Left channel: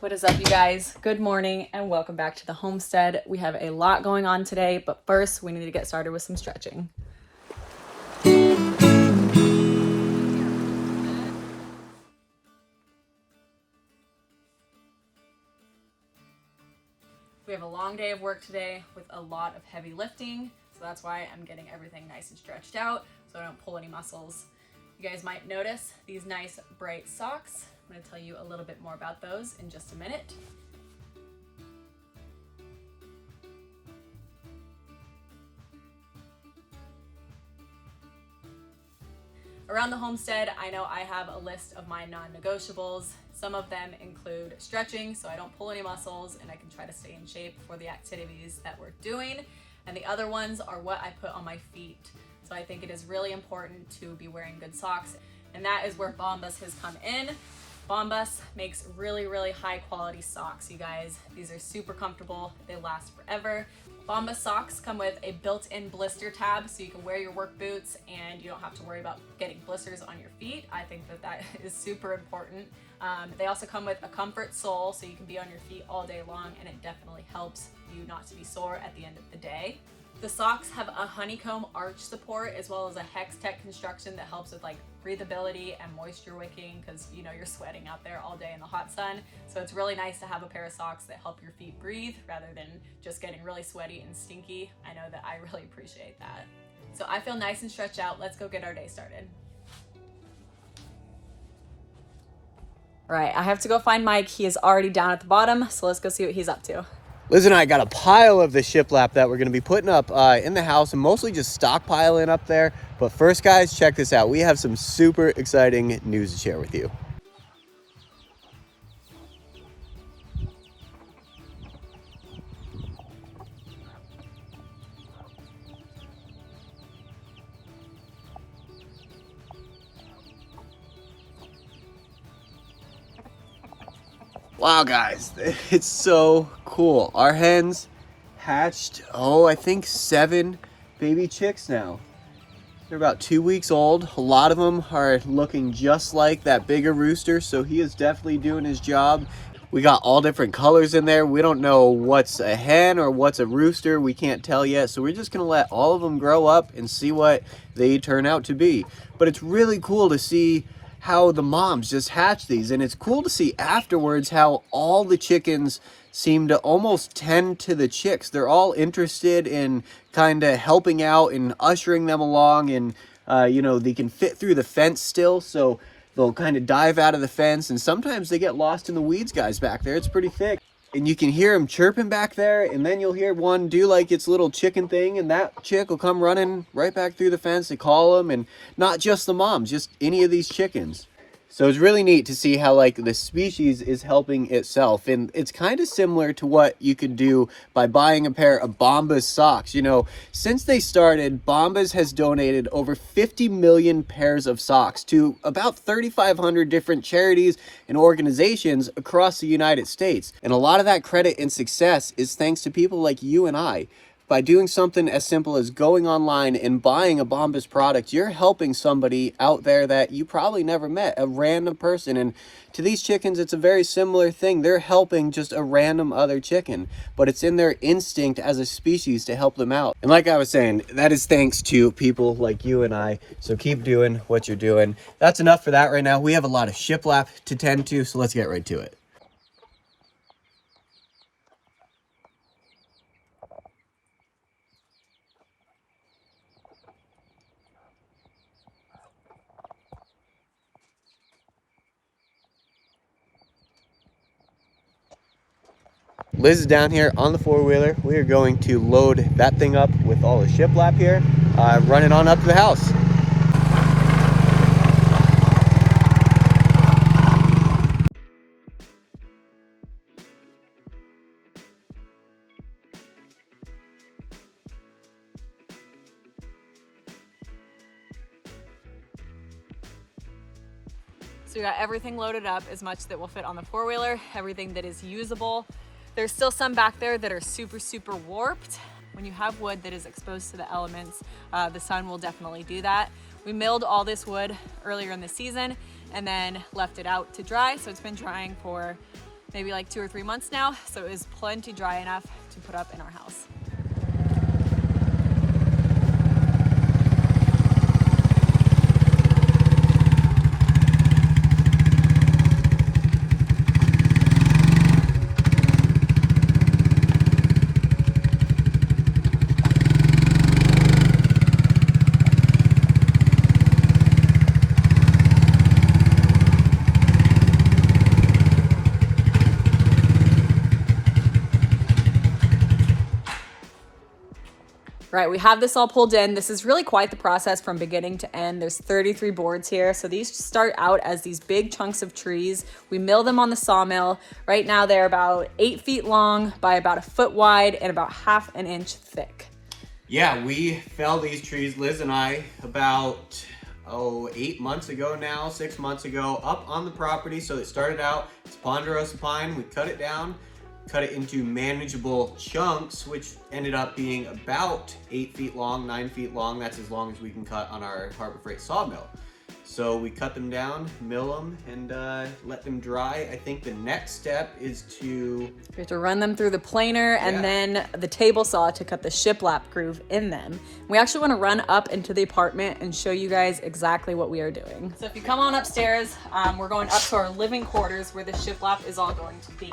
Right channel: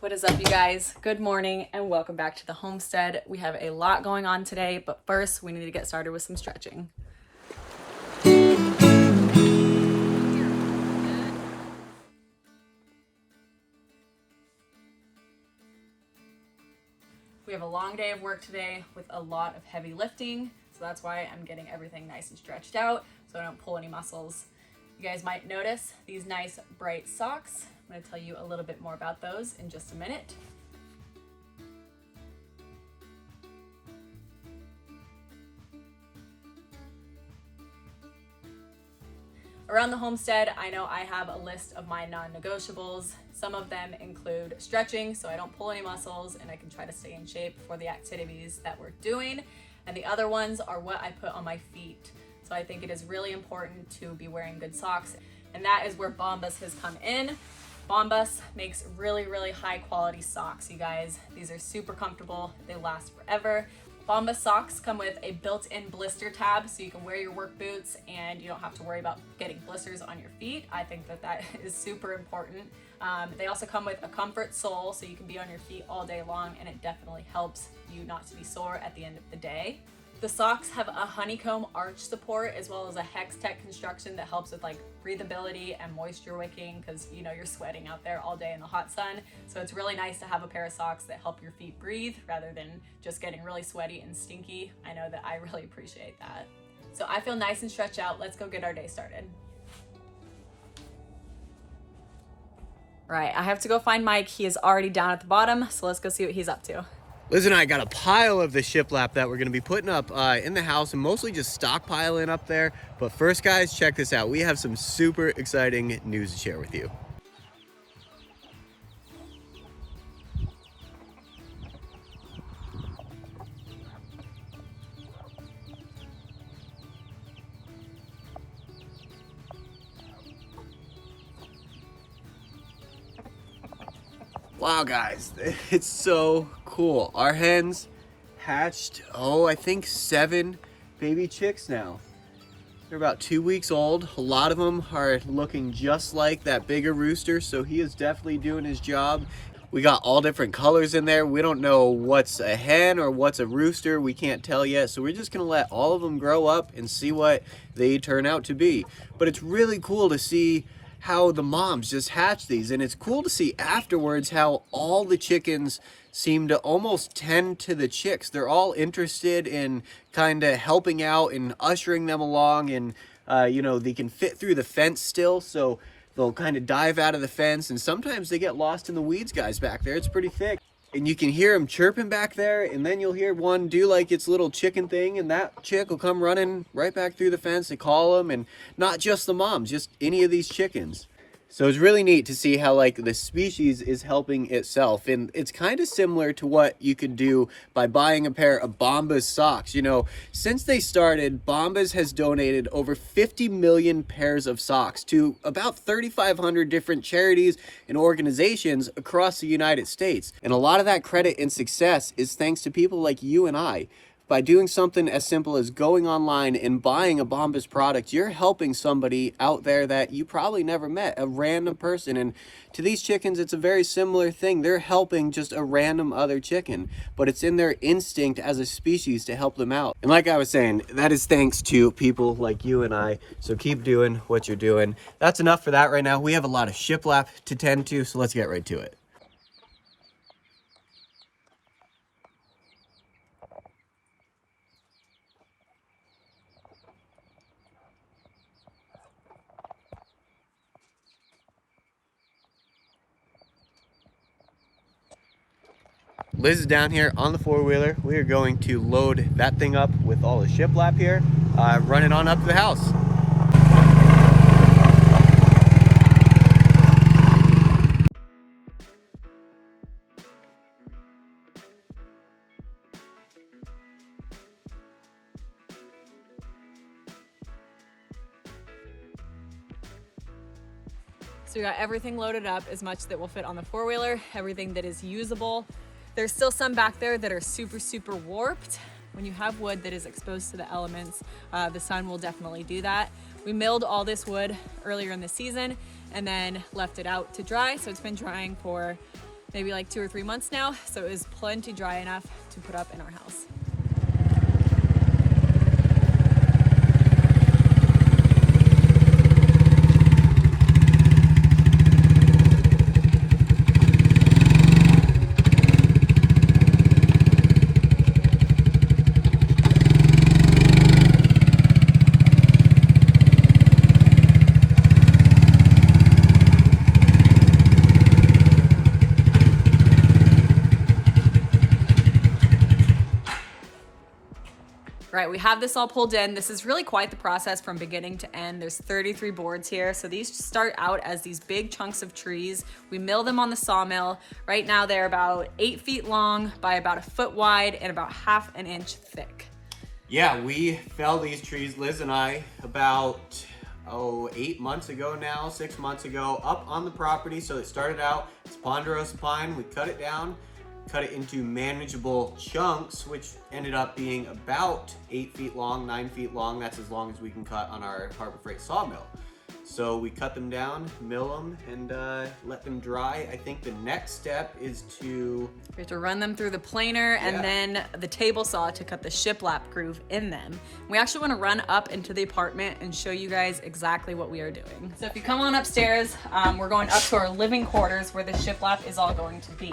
What is up, you guys? Good morning and welcome back to the homestead. We have a lot going on today, but first we need to get started with some stretching. We have a long day of work today with a lot of heavy lifting, so that's why I'm getting everything nice and stretched out so I don't pull any muscles. You guys might notice these nice bright socks. I'm going to tell you a little bit more about those in just a minute. Around the homestead, I know I have a list of my non-negotiables. Some of them include stretching, so I don't pull any muscles and I can try to stay in shape for the activities that we're doing. And the other ones are what I put on my feet. So I think it is really important to be wearing good socks. And that is where Bombas has come in. Bombas makes really high quality socks, you guys. These are super comfortable. They last forever. Bombas socks come with a built-in blister tab so you can wear your work boots and you don't have to worry about getting blisters on your feet. I think that is super important. They also come with a comfort sole so you can be on your feet all day long, and it definitely helps you not to be sore at the end of the day. The socks have a honeycomb arch support as well as a hex tech construction that helps with like breathability and moisture wicking, because you know you're sweating out there all day in the hot sun. So it's really nice to have a pair of socks that help your feet breathe rather than just getting really sweaty and stinky. I know that I really appreciate that. So I feel nice and stretched out. Let's go get our day started. All right, I have to go find Mike. He is already down at the bottom, so let's go see what he's up to. Liz and I got a pile of the shiplap that we're going to be putting up in the house and mostly just stockpiling up there. But first, guys, check this out. We have some super exciting news to share with you. Wow, guys, it's so cool. Our hens hatched, I think 7 baby chicks now. They're about 2 weeks old. A lot of them are looking just like that bigger rooster, so he is definitely doing his job. We got all different colors in there. We don't know what's a hen or what's a rooster. We can't tell yet, so we're just gonna let all of them grow up and see what they turn out to be. But it's really cool to see how the moms just hatch these, and it's cool to see afterwards how all the chickens seem to almost tend to the chicks. They're all interested in kind of helping out and ushering them along, and they can fit through the fence still, so they'll kind of dive out of the fence, and sometimes they get lost in the weeds, guys, back there. It's pretty thick. And you can hear them chirping back there, and then you'll hear one do like its little chicken thing, and that chick will come running right back through the fence to call them, and not just the moms, just any of these chickens. So it's really neat to see how like the species is helping itself, and it's kind of similar to what you could do by buying a pair of Bombas socks. You know, since they started, Bombas has donated over 50 million pairs of socks to about 3,500 different charities and organizations across the United States. And a lot of that credit and success is thanks to people like you and I. By doing something as simple as going online and buying a Bombas product, you're helping somebody out there that you probably never met, a random person. And to these chickens, it's a very similar thing. They're helping just a random other chicken, but it's in their instinct as a species to help them out. And like I was saying, that is thanks to people like you and I. So keep doing what you're doing. That's enough for that right now. We have a lot of shiplap to tend to, so let's get right to it. Liz is down here on the four-wheeler. We are going to load that thing up with all the shiplap here, run it on up to the house. So we got everything loaded up, as much that will fit on the four-wheeler, everything that is usable. There's still some back there that are super warped. When you have wood that is exposed to the elements, the sun will definitely do that. We milled all this wood earlier in the season and then left it out to dry. So it's been drying for maybe like 2 or 3 months now, so it is plenty dry enough to put up in our house. Right, we have this all pulled in. This is really quite the process from beginning to end. There's 33 boards here. So these start out as these big chunks of trees. We mill them on the sawmill. Right now they're about 8 feet long by about a foot wide and about ½ an inch thick. Yeah, we fell these trees, Liz and I, about 8 months ago now, 6 months ago, up on the property. So it started out as ponderosa pine. We cut it down, cut it into manageable chunks, which ended up being about 8 feet long, 9 feet long. That's as long as we can cut on our Harbor Freight sawmill. So we cut them down, mill them, and let them dry. I think the next step is to... We have to run them through the planer and then the table saw to cut the shiplap groove in them. We actually want to run up into the apartment and show you guys exactly what we are doing. So if you come on upstairs, we're going up to our living quarters where the shiplap is all going to be.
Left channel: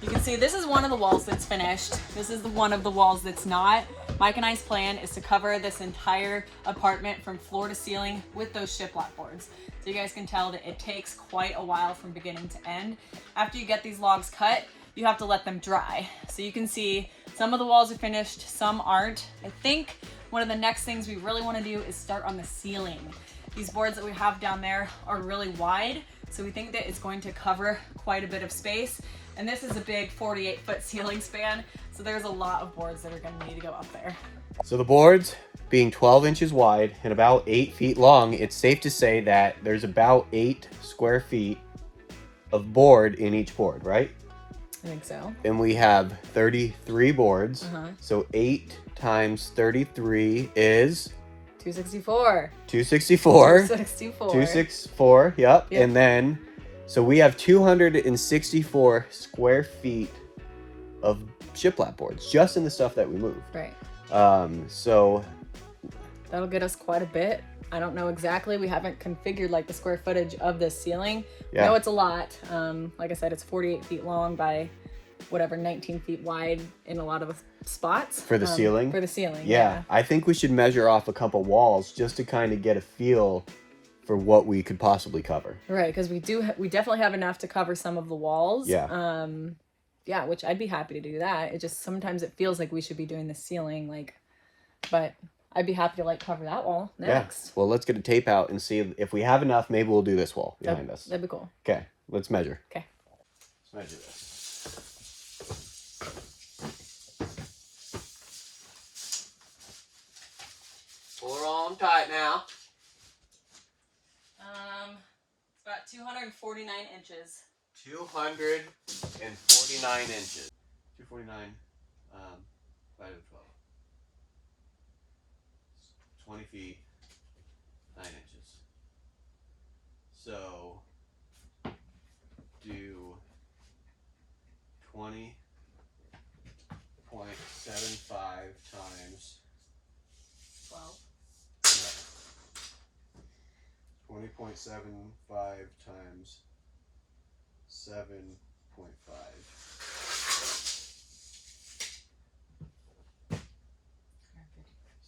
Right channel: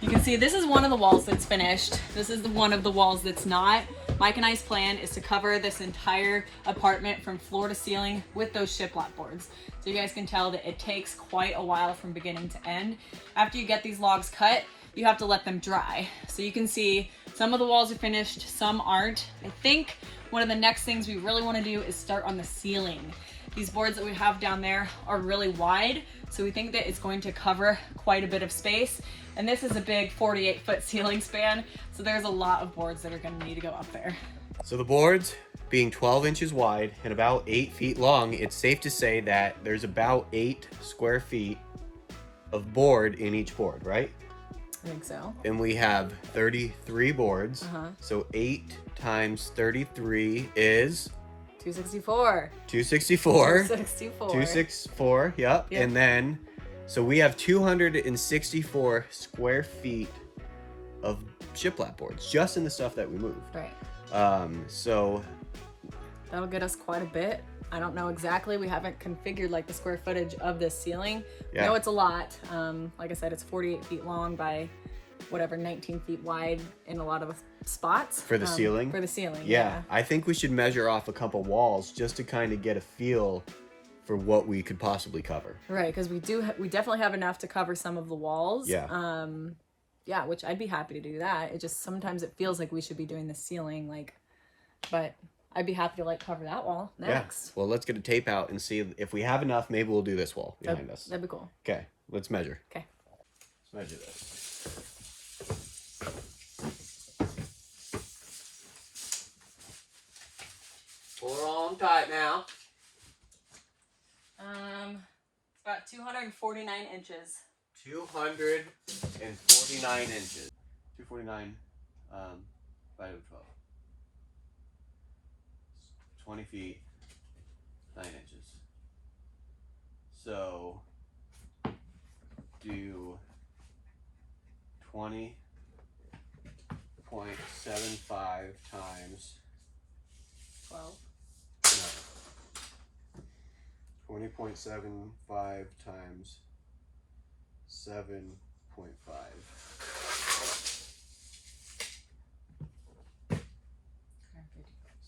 You can see this is one of the walls that's finished. This is one of the walls that's not. Mike and I's plan is to cover this entire apartment from floor to ceiling with those shiplap boards. So you guys can tell that it takes quite a while from beginning to end. After you get these logs cut, you have to let them dry. So you can see some of the walls are finished, some aren't. I think one of the next things we really want to do is start on the ceiling. These boards that we have down there are really wide, so we think that it's going to cover quite a bit of space. And this is a big 48-foot ceiling span, so there's a lot of boards that are going to need to go up there. So the boards being 12 inches wide and about 8 feet long, it's safe to say that there's about 8 square feet of board in each board, right? I think so. And we have 33 boards. So 8 times 33 is 264. 264. 264. 264, yep. And then, so we have 264 square feet of shiplap boards just in the stuff that we moved. Right. So that'll get us quite a bit. I don't know exactly. We haven't configured like the square footage of this ceiling. Yeah. I know it's a lot. Like I said, it's 48 feet long by whatever, 19 feet wide in a lot of spots. For the ceiling? For the ceiling, yeah. I think we should measure off a couple walls just to kind of get a feel for what we could possibly cover. Right, because we definitely have enough to cover some of the walls. Yeah. Yeah, which I'd be happy to do that. It just, sometimes it feels like we should be doing the ceiling, like, but I'd be happy to like cover that wall next. Yeah. Well, let's get a tape out and see if we have enough. Maybe we'll do this wall behind us. That'd be cool. Okay, let's measure. Okay. Let's measure this. Pull her on tight now. It's about 249 inches. 249 inches. 249 by 12. 20 feet, 9 inches. So do 20.75 times 12. No. 20.75 times 7.5.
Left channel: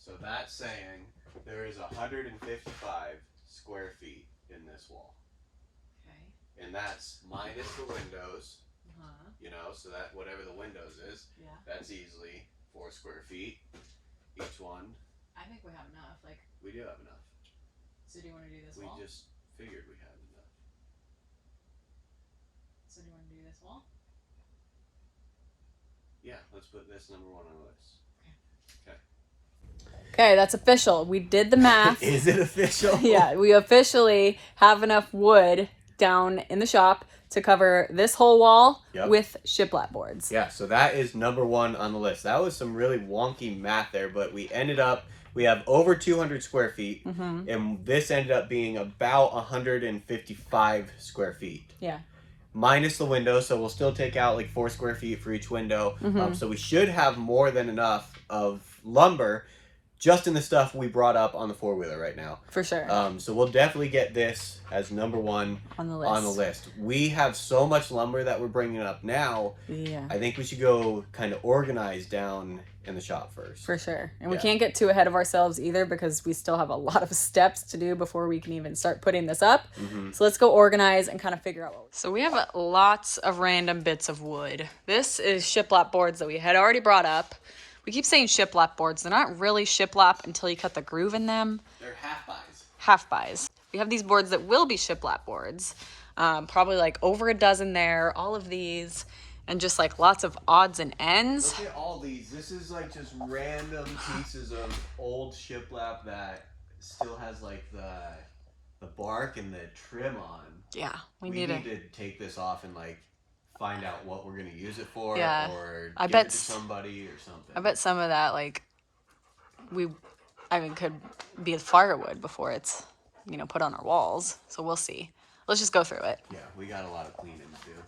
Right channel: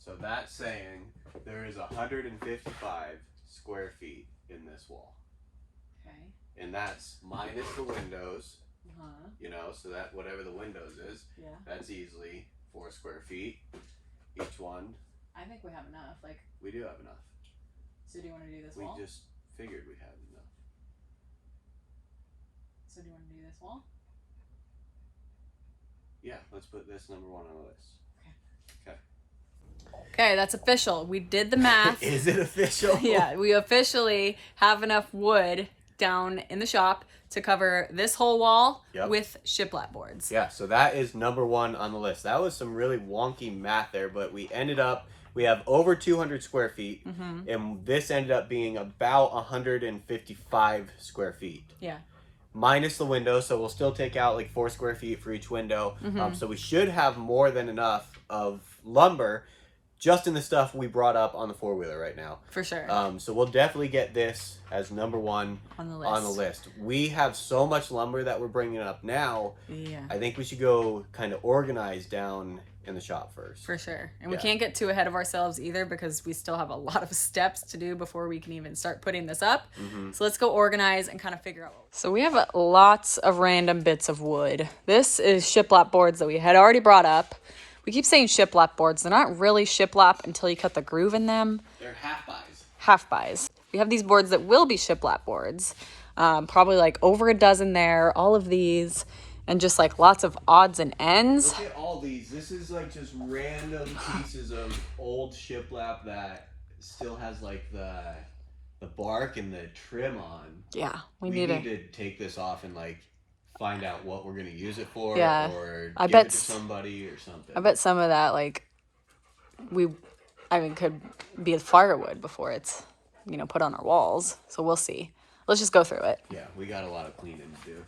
So that's saying there is 155 square feet in this wall. Okay. And that's minus the windows. You know, so that whatever the windows is, that's easily 4 square feet each one. I think we have enough. Like, we do have enough. So do you want to do this wall? We just figured we had enough. So do you want to do this wall? Yeah, let's put this number 1 on the list. Okay. Okay, that's official. We did the math. Is it official? Yeah, we officially have enough wood down in the shop to cover this whole wall with shiplap boards. Yeah, so that is number 1 on the list. That was some really wonky math there, but we ended up, we have over 200 square feet, and this ended up being about 155 square feet. Yeah. minus the window, so we'll still take out like 4 square feet for each window. Mm-hmm. So we should have more than enough of lumber just in the stuff we brought up on the 4-wheeler right now. For sure. So we'll definitely get this as number 1 on the list. We have so much lumber that we're bringing up now. Yeah. I think we should go kind of organize down in the shop first. For sure. And we can't get too ahead of ourselves either because we still have a lot of steps to do before we can even start putting this up. So let's go organize and kind of figure out what So we have lots of random bits of wood. This is shiplap boards that we had already brought up. We keep saying shiplap boards. They're not really shiplap until you cut the groove in them. They're half-buys. Half-buys. We have these boards that will be shiplap boards. Probably like over a dozen there. All of these. And just like lots of odds and ends. Look at all these. This is like just random pieces of old shiplap that still has like the bark and the trim on. Yeah. We need to take this off and like find out what we're gonna use it for, or I give bet it to somebody or something. I bet some of that like could be firewood before it's put on our walls. So we'll see. Let's just go through it. Yeah, we got a lot of cleaning to do.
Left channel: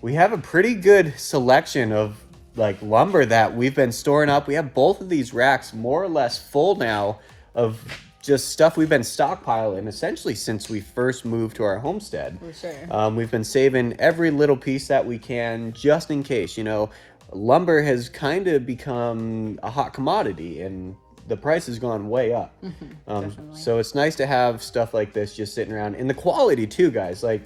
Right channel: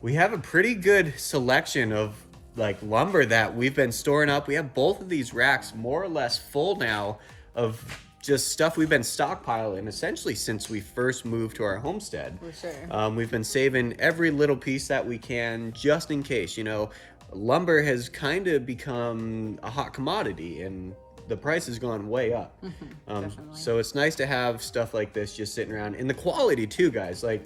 We have a pretty good selection of like lumber that we've been storing up. We have both of these racks more or less full now of just stuff we've been stockpiling essentially since we first moved to our homestead. For sure. We've been saving every little piece that we can just in case. Lumber has kind of become a hot commodity and the price has gone way up. So it's nice to have stuff like this just sitting around, and the quality too, guys. Like,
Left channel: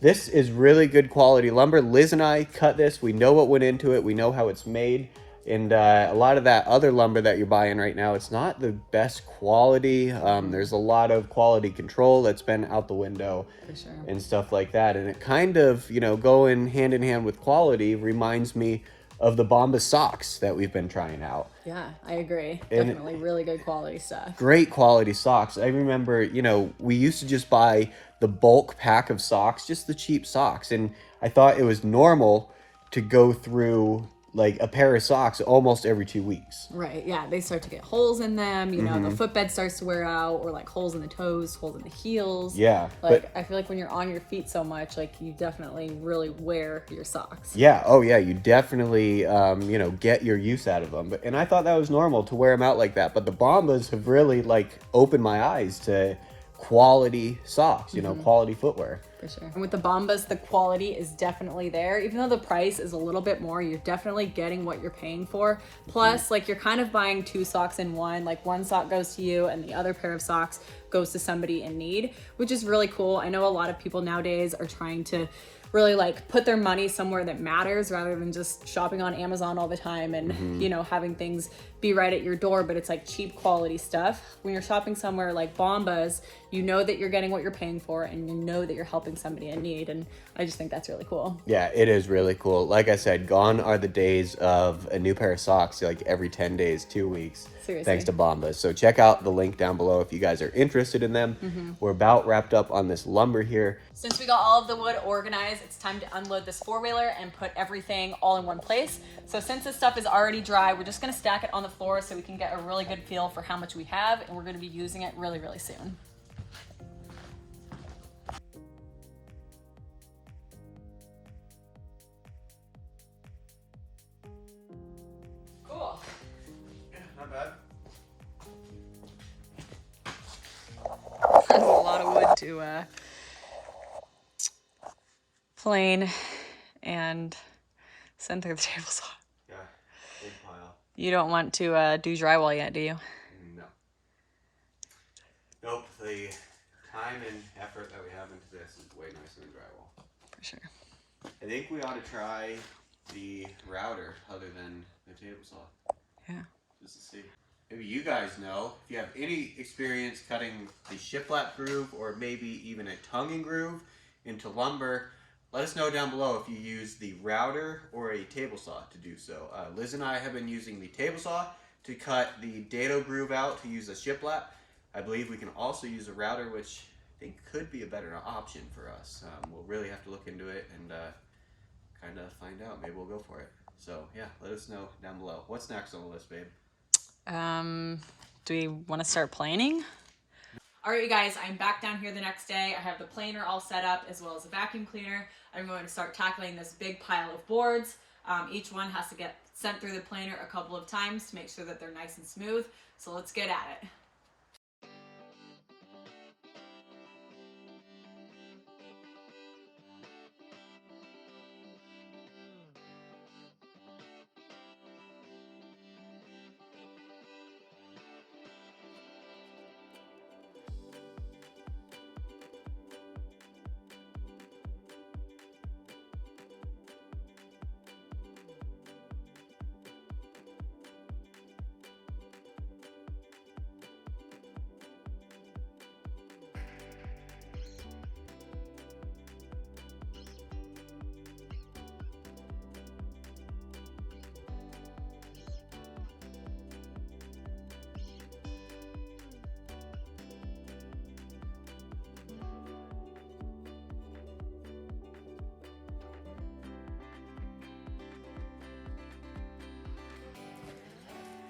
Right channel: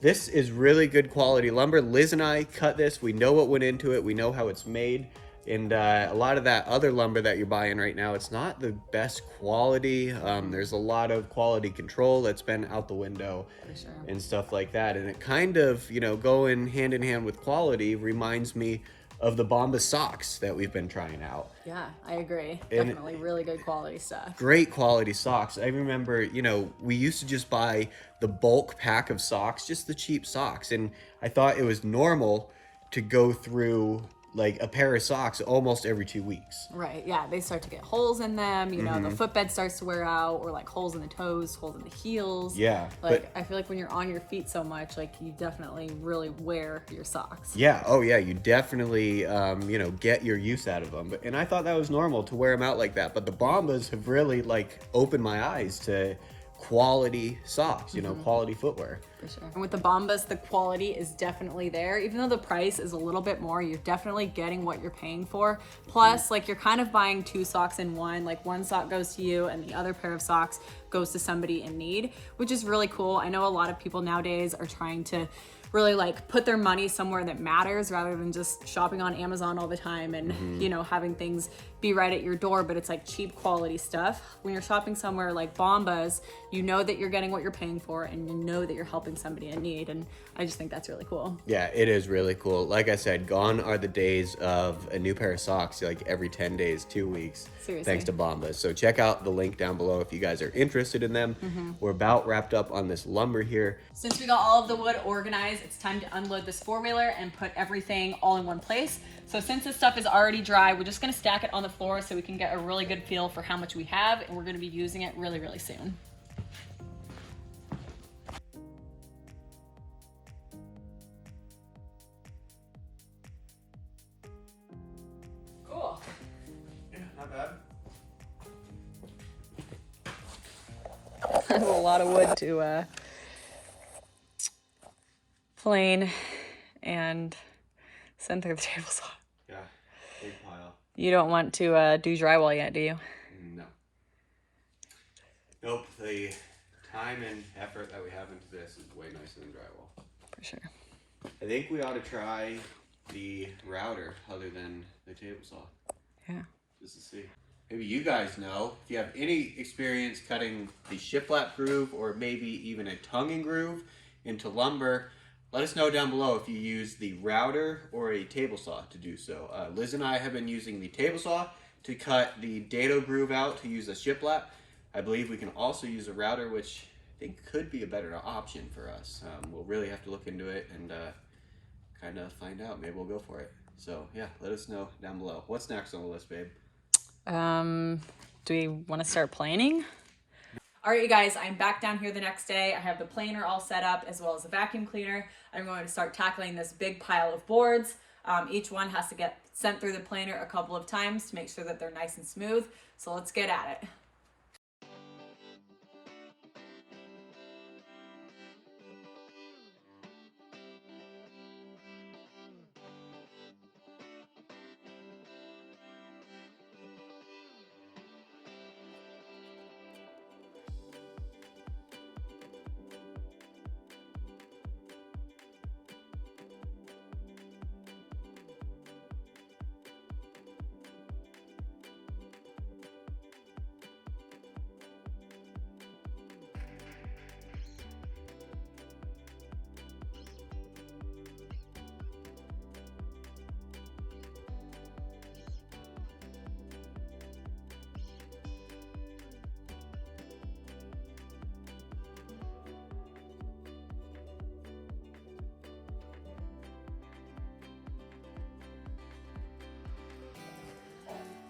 this is really good quality lumber. Liz and I cut this. We know what went into it. We know how it's made. And a lot of that other lumber that you're buying right now, it's not the best quality. There's a lot of quality control that's been out the window. For sure. And stuff like that. And it kind of, going hand in hand with quality reminds me of the Bombas socks that we've been trying out. Yeah, I agree. Definitely really good quality stuff. Great quality socks. I remember, we used to just buy the bulk pack of socks, just the cheap socks. And I thought it was normal to go through like a pair of socks almost every 2 weeks. Right, yeah, they start to get holes in them, the footbed starts to wear out, or like holes in the toes, holes in the heels. Yeah. Like, I feel like when you're on your feet so much, like you definitely really wear your socks. Yeah, oh yeah, you definitely, get your use out of them. And I thought that was normal to wear them out like that. But the Bombas have really like opened my eyes to quality socks, quality footwear. For sure. And with the Bombas, the quality is definitely there. Even though the price is a little bit more, you're definitely getting what you're paying for. Plus, like, you're kind of buying 2 socks in one. Like, one sock goes to you and the other pair of socks goes to somebody in need, which is really cool. I know a lot of people nowadays are trying to really like put their money somewhere that matters rather than just shopping on Amazon all the time and having things be right at your door, but it's like cheap quality stuff. When you're shopping somewhere like Bombas, you know that you're getting what you're paying for and you know that you're helping somebody in need, and I just think that's really cool. Yeah, it is really cool. Like I said, gone are the days of a new pair of socks like every 10 days, 2 weeks. Seriously. Thanks to Bombas. So check out the link down below if you guys are interested in them. We're about wrapped up on this lumber here. Since we got all of the wood organized, it's time to unload this 4-wheeler and put everything all in one place. So since this stuff is already dry, we're just gonna stack it on the floor so we can get a really good feel for how much we have, and we're gonna be using it really, really soon. Cool. Yeah, not bad. That's a lot of wood to plane and send through the table saw. Yeah, big pile. You don't want to do drywall yet, do you? No. Nope, the time and effort that we have into this is way nicer than drywall. For sure. I think we ought to try the router other than the table saw. Yeah. Just to see. Maybe you guys know if you have any experience cutting the shiplap groove or maybe even a tongue and groove into lumber. Let us know down below if you use the router or a table saw to do so. Liz and I have been using the table saw to cut the dado groove out to use a shiplap. I believe we can also use a router, which I think could be a better option for us. We'll really have to look into it and kind of find out. Maybe we'll go for it. So yeah, let us know down below. What's next on the list, babe? Do we want to start planning? All right, you guys, I'm back down here the next day. I have the planer all set up as well as the vacuum cleaner. I'm going to start tackling this big pile of boards. Each one has to get sent through the planer a couple of times to make sure that they're nice and smooth. So let's get at it.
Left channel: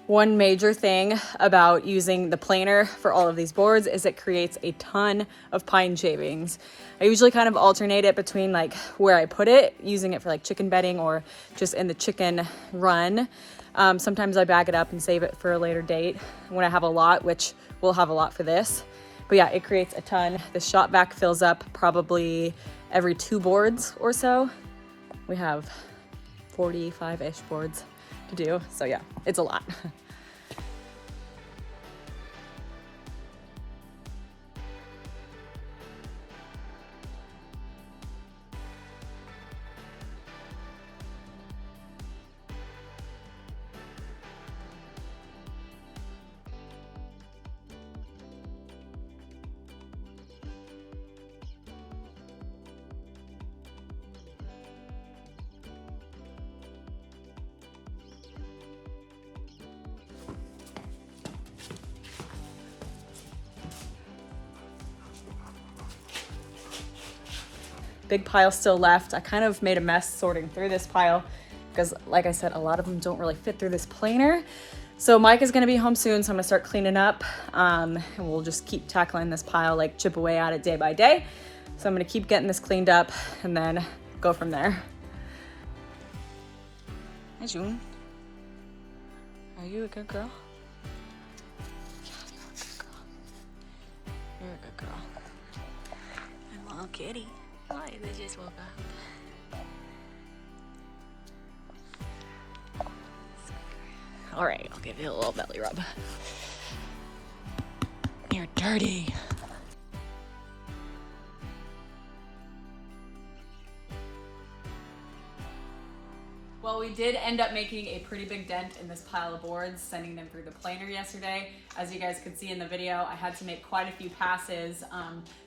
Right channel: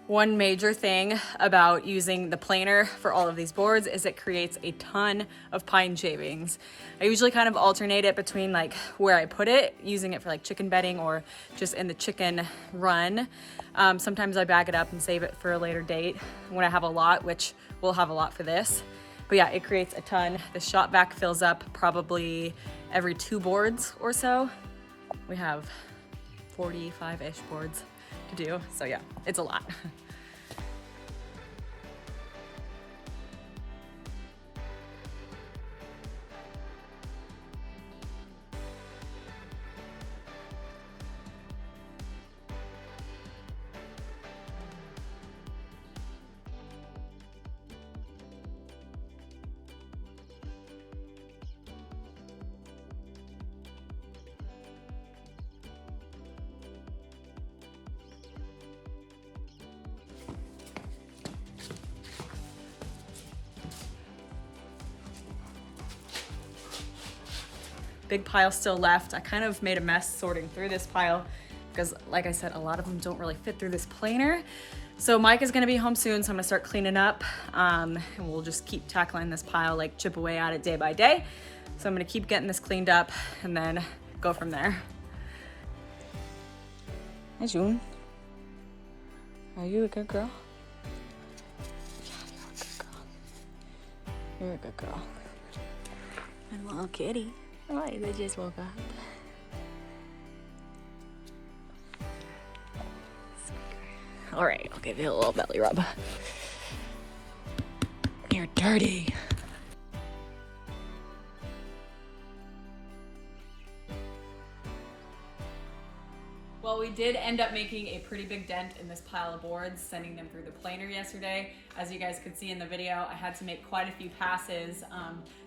One major thing about using the planer for all of these boards is it creates a ton of pine shavings. I usually kind of alternate it between like where I put it, using it for like chicken bedding or just in the chicken run. Sometimes I bag it up and save it for a later date when I have a lot, which we'll have a lot for this. But yeah, it creates a ton. The shop vac fills up probably every 2 boards or so. We have 45-ish boards to do. So yeah, it's a lot. Big pile still left. I kind of made a mess sorting through this pile because, like I said, a lot of them don't really fit through this planer. So Mike is gonna be home soon, so I'm gonna start cleaning up, and we'll just keep tackling this pile, like chip away at it day by day. So I'm gonna keep getting this cleaned up and then go from there. Hi, June. Are you a good girl? Yeah, you're a good girl. You're a good girl. And little kitty. Oh, they just woke up. All right, I'll give you a little belly rub. You're dirty. Well, we did end up making a pretty big dent in this pile of boards, sending them through the planer yesterday. As you guys could see in the video, I had to make quite a few passes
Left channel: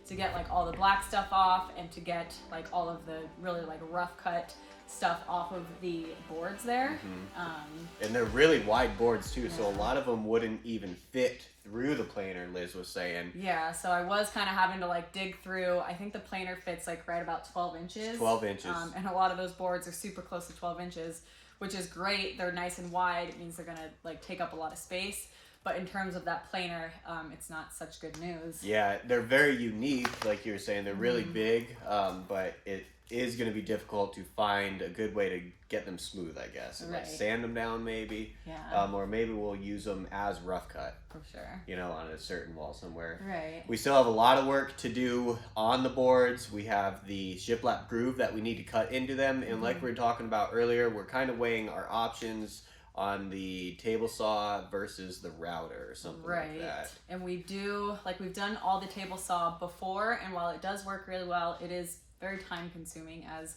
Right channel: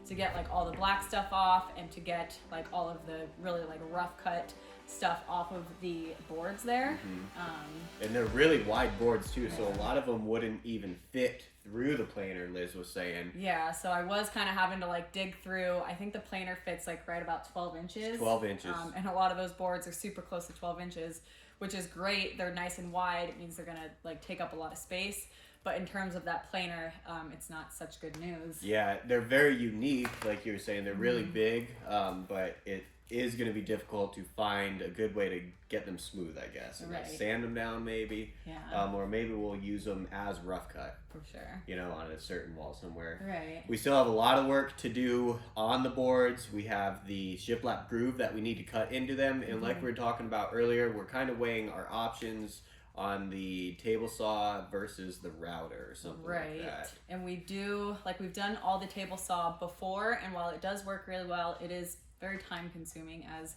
to get like all the black stuff off and to get like all of the really like rough cut stuff off of the boards there. Mm-hmm. And they're really wide boards too, yeah. So a lot of them wouldn't even fit through the planer, Liz was saying. Yeah, so I was kind of having to like dig through. I think the planer fits like right about 12 inches. 12 inches. And a lot of those boards are super close to 12 inches, which is great. They're nice and wide. It means they're gonna like take up a lot of space. But in terms of that planer, it's not such good news. Yeah, they're very unique, like you were saying. They're really big, but it is going to be difficult to find a good way to get them smooth, I guess. And right. like sand them down maybe. Yeah. Or maybe we'll use them as rough cut. For sure. You know, on a certain wall somewhere. Right. We still have a lot of work to do on the boards. We have the shiplap groove that we need to cut into them. And like we were talking about earlier, we're kind of weighing our options on the table saw versus the router or something like that. And we do, like we've done all the table saw before, and while it does work really well, it is very time consuming as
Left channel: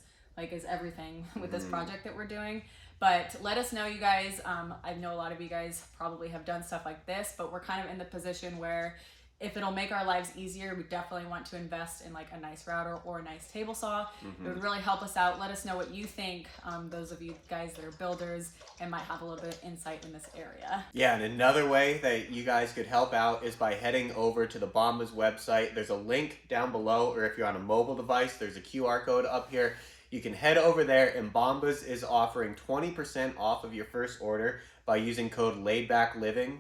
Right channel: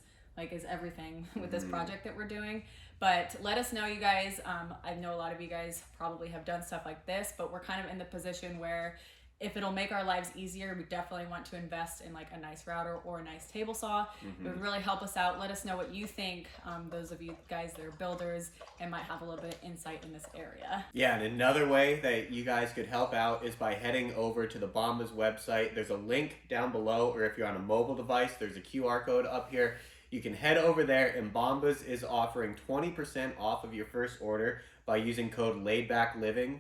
everything with this project that we're doing. But let us know, you guys. I know a lot of you guys probably have done stuff like this, but we're kind of in the position where if it'll make our lives easier, we definitely want to invest in like a nice router or a nice table saw. It would really help us out. Let us know what you think, those of you guys that are builders and might have a little bit of insight in this area. Yeah, and another way that you guys could help out is by heading over to the Bombas website. There's a link down below, or if you're on a mobile device, there's a QR code up here. You can head over there, and Bombas is offering 20% off of your first order by using code LaidBackLiving.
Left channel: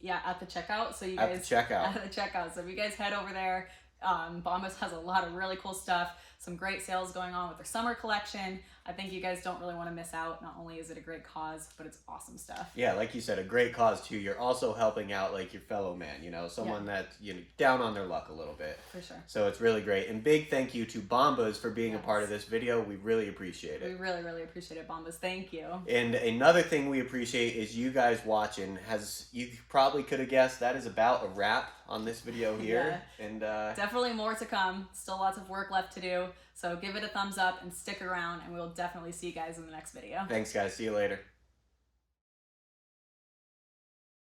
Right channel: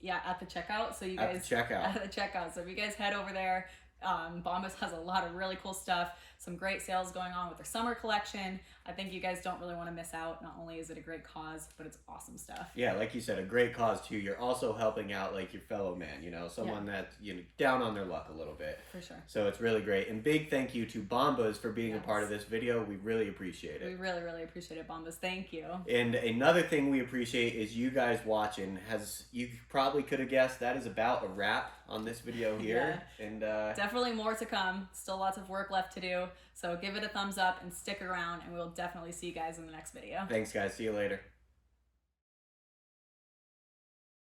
Yeah, at the checkout. So you guys at the checkout. At the checkout. So if you guys head over there, Bombas has a lot of really cool stuff. Some great sales going on with their summer collection. I think you guys don't really want to miss out. Not only is it a great cause, but it's awesome stuff. Yeah, like you said, a great cause too. You're also helping out like your fellow man, you know, someone that, you know, down on their luck a little bit. For sure. So it's really great. And big thank you to Bombas for being a part of this video. We really appreciate it. We really, really appreciate it, Bombas. Thank you. And another thing we appreciate is you guys watching. As you probably could have guessed, that is about a wrap on this video here. Yeah. And definitely more to come. Still lots of work left to do. So give it a thumbs up and stick around, and we'll definitely see you guys in the next video. Thanks, guys. See you later.